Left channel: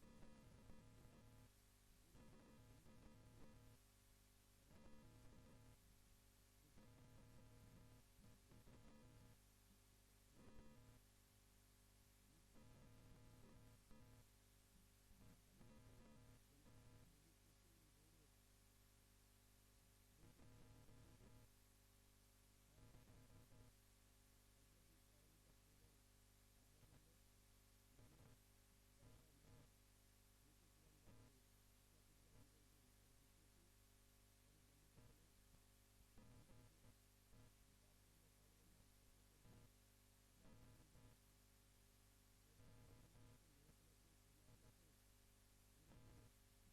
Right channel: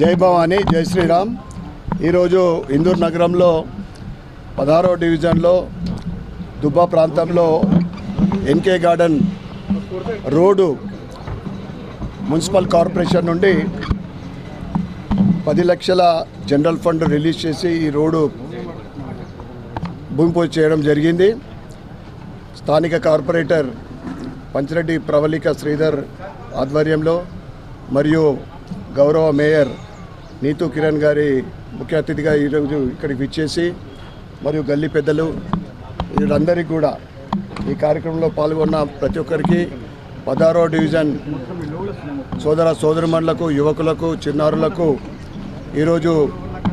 జై భవానీ జై శ్రీరామ్. ఈరోజు ఇందూర్ నగరంలో పదహారో డివిజన్లో దుబ్బా ప్రాంతంలో NK garden road municipal corporation నుండి పది లక్షల జనరల్ ఫండ్ రిలీజ్ చేసి ఈ రోడ్డు భూమి పూజ చేయడం జరిగింది. స్థానిక కార్పొరేటర్ పంచిరెడ్డి ప్రవళిక శ్రీధర్ ఆధ్వర్యంలో మరియు గౌరవ మేయర్ నీతూ కిరణ్ గారి ముఖ్య అతిథిగా ఈరోజు ఇక్కడికి విచ్చేసి మరియు గల్లీ పెద్దలు వీళ్ళందరికీ కూడా ఈ కార్యక్రమంలో పాల్గొన్న ప్రతి ఒక్కరికి పదహారో డివిజన్ సోదర సోదరిమణులకు యువకులకు చిన్నారులకు ఈరోజు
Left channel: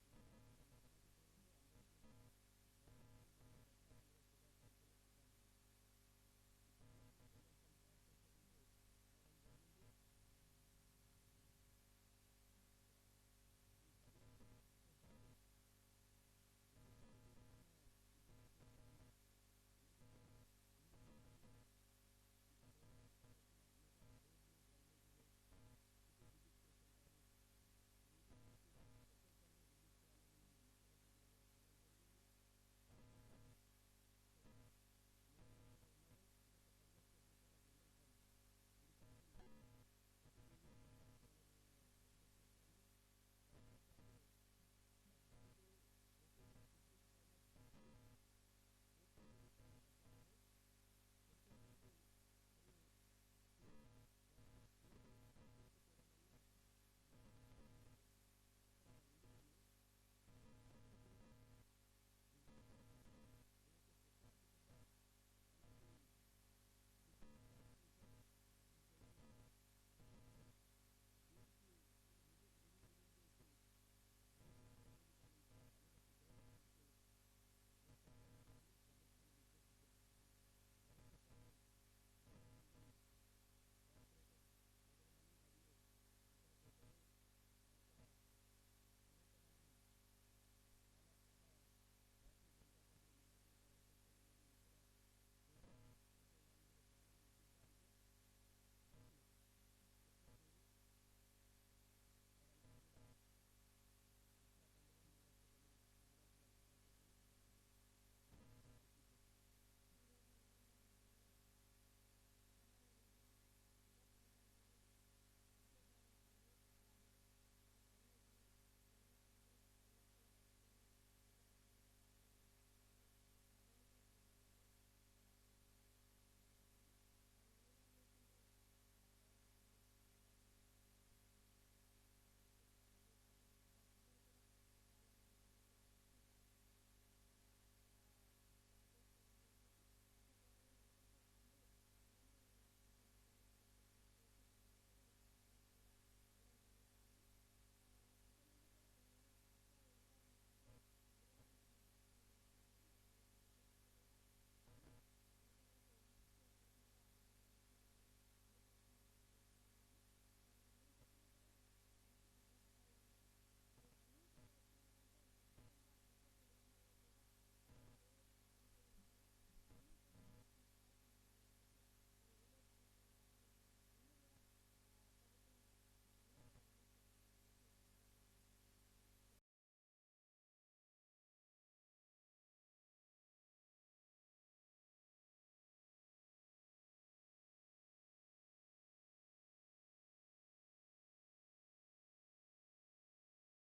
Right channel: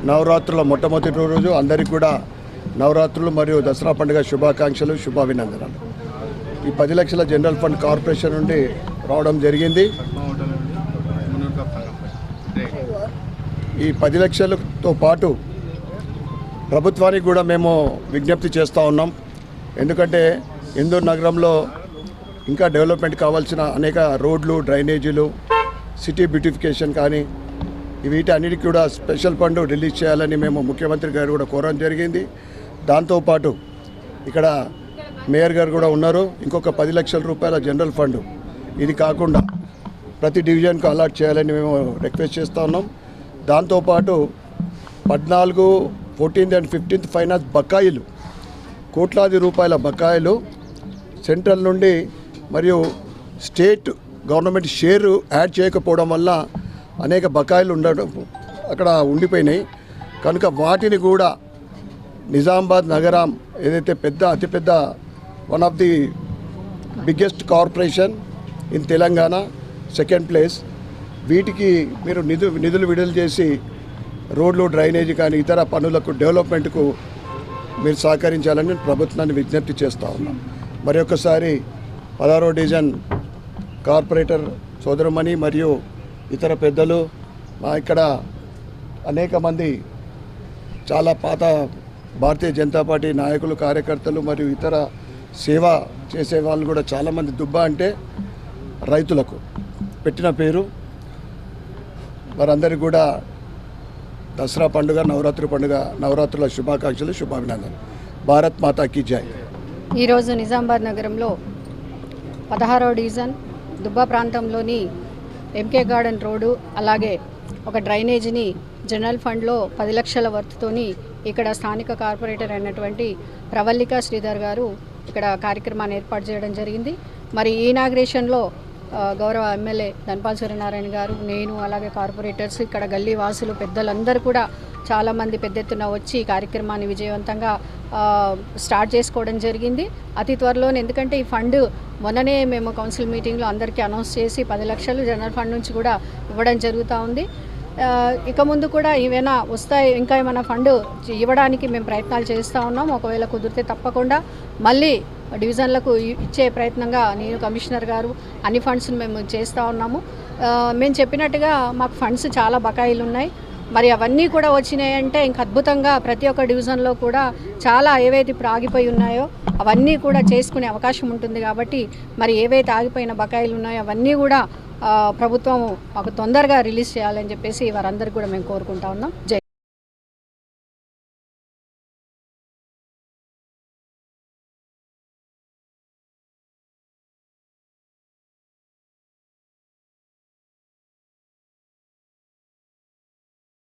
నవరాత్రుల మొట్టమొదటి రోజు అందరికీ కూడా నవరాత్రులు మరియు దసరా పండుగ శుభాకాంక్షలు శుభాభినందనలు. ఈ పది లక్షల జనరల్ ఫండ్ కార్పొరేషన్ నుండి రావడం జరిగింది. ఈ పది లక్షలతో పాటు ప్రభుత్వానికి కూడా మేము విజ్ఞప్తి చేస్తూ ఉన్నాం. ఎందుకంటే ఇందూరు నగరంలో ఇంకా డెవలప్మెంట్ కావాల్సిన అనేక రోడ్లు డ్రైనేజీలు సిటీ బ్యూటిఫికేషన్ కానీ వీటి కూడా స్పెషల్ ఫండ్ రిలీజ్ చేయాలని మేము ముఖ్యమంత్రి గారు కూడా కోరడం జరిగింది. దాంతోపాటు ఇక్కడ మేయర్ గారు కూడా ఉన్నారు. ఇంకొక పది లక్షల రూపాయల జనరల్ ఫండ్. ఇది కాకుండా ప్రతి డివిజన్కు అలాట్ చేయాలని మేము రిక్వెస్ట్ చేస్తూ ఉన్నాం. దాంతోపాటు పద్నాలుగు ఫోర్టీన్త్ అండ్ ఫిఫ్టీన్త్ ఫైనాన్స్ బకాయిలు కోట్లాది రూపాయల బకాయిలు సెంట్రల్ నుండి మరియు స్టేట్ గవర్నమెంట్ షేర్ యాడ్ చేయకపోవడం వల్ల అనేక బకాయిలు ఉండడం అక్కడ ఉండిపోయినాయి. కనుక వాటిని కూడా నిజామాబాద్ నగరం ఏదైతే పెద్ద అతిపెద్ద one of the biggest corporation in Telangana second place. వీటికి మీరు నిధు నిధులు విడుదల చేసి రోడ్లు డ్రైనేజీ కానీ ఇతర పనులకు డెవలప్మెంట్కు మీరు సహకరించాలని ప్రభుత్వాన్ని విజ్ఞప్తి చేస్తూ ఉన్నాం. మరి ఒకసారి పదహారో డివిజన్ కార్పొరేటర్ సోదరమణి మరియు ఇతర పెద్దలు మా ఇక్కడ అనేక మంది చాలా పాత భారతీయ జనతా పార్టీ నాయకులు కార్యకర్తలు మరియు ఇతర సేవ చేసే వాళ్ళు కూడా చాలామంది దుబ్బ అంటే రైతులకు పెట్టిన పేరు వారందరికీ కూడా దసరా పండుగ నవరాత్రి పండుగ నవరాత్రుల శుభాకాంక్షలు శుభాభినందనలు. భారత్ మాతా మాతాకి జై. ఈరోజు నిజామాబాద్ నగరంలో పదహారో డివిజన్ దుబ్బా ప్రాంతంలోని ఎంకే గార్డెన్ రోడ్డు అలాగే ఒక డ్రైనేజీని జనరల్ ఫండ్లో పది లక్షల వర్త్తోని ఇక్కడ స్థానిక కార్పొరేటర్ అయినటువంటి ప్రవల్లిక శ్రీధర్ గారు ఇక్కడ కార్యక్రమాన్ని ఏర్పాటు చేయడం జరిగింది. మరి ఈ ఇనాగ్రేషన్లో గౌరవ ఎమ్మెల్యే ధనపాల్ సూర్యనారాయణ గారు నేను అలాగే కార్పొరేటర్స్ ఇక్కడ గల్లీ వాసులు పెద్దలందరూ కూడా చాలామంది పెద్ద ఎత్తున వచ్చి ఈ కార్యక్రమాన్ని విజయవంతంగా స్టార్ట్ చేసుకోవడం జరిగింది. అతి త్వరలోనే ఎందుకంటే ఈ ఫండ్ మొన్ననే మేము కౌన్సిల్ మీటింగ్లో అందరికీ అనౌన్స్ చేసి పది లక్షలు జనరల్ ఫండ్ నుంచి కూడా ఇవ్వడం జరుగుతూ ఉంది. ఇక ముందు కూడా ఏమైనా వస్తాయి ఇంకా ఏమైనా ఫండ్ ఇవ్వడానికి మేము ప్రయత్నాలు చేస్తూ ఉన్నాం. ఒకవేళ కుదిరితే తప్పకుండా మళ్ళీ డివిజన్లకు ఇచ్చే ప్రయత్నంగా నేను కమిషనర్ గారు అన్ని ఫండ్స్ని మేము చేస్తూ ఉన్నాము. మేము చెప్పినట్టుగా మాకు ఫండ్స్ చాలా బకాయిలు ఉన్నాయి మరి అవన్నీ కూడా వచ్చినాయంటే ఇంక అద్భుతంగా ప్రతి ఒక్క డివిజన్లో కూడా చాలా ఏవైతే ఇప్పుడు ఆగిపోయి ఉన్నాయో అవన్నీ కూడా చేసుకునే అవకాశం ఉంటుంది కాబట్టి మరి ఏవైతే ఆగిపోయిన బకాయిలు ఉన్నాయో అవన్నీ కూడా ప్రభుత్వం మాకు తొందరగా రిలీజ్ చేయాలని చెప్పేసి వారందరికీ కూడా మేము కోరుకుంటా ఉన్నాం. జై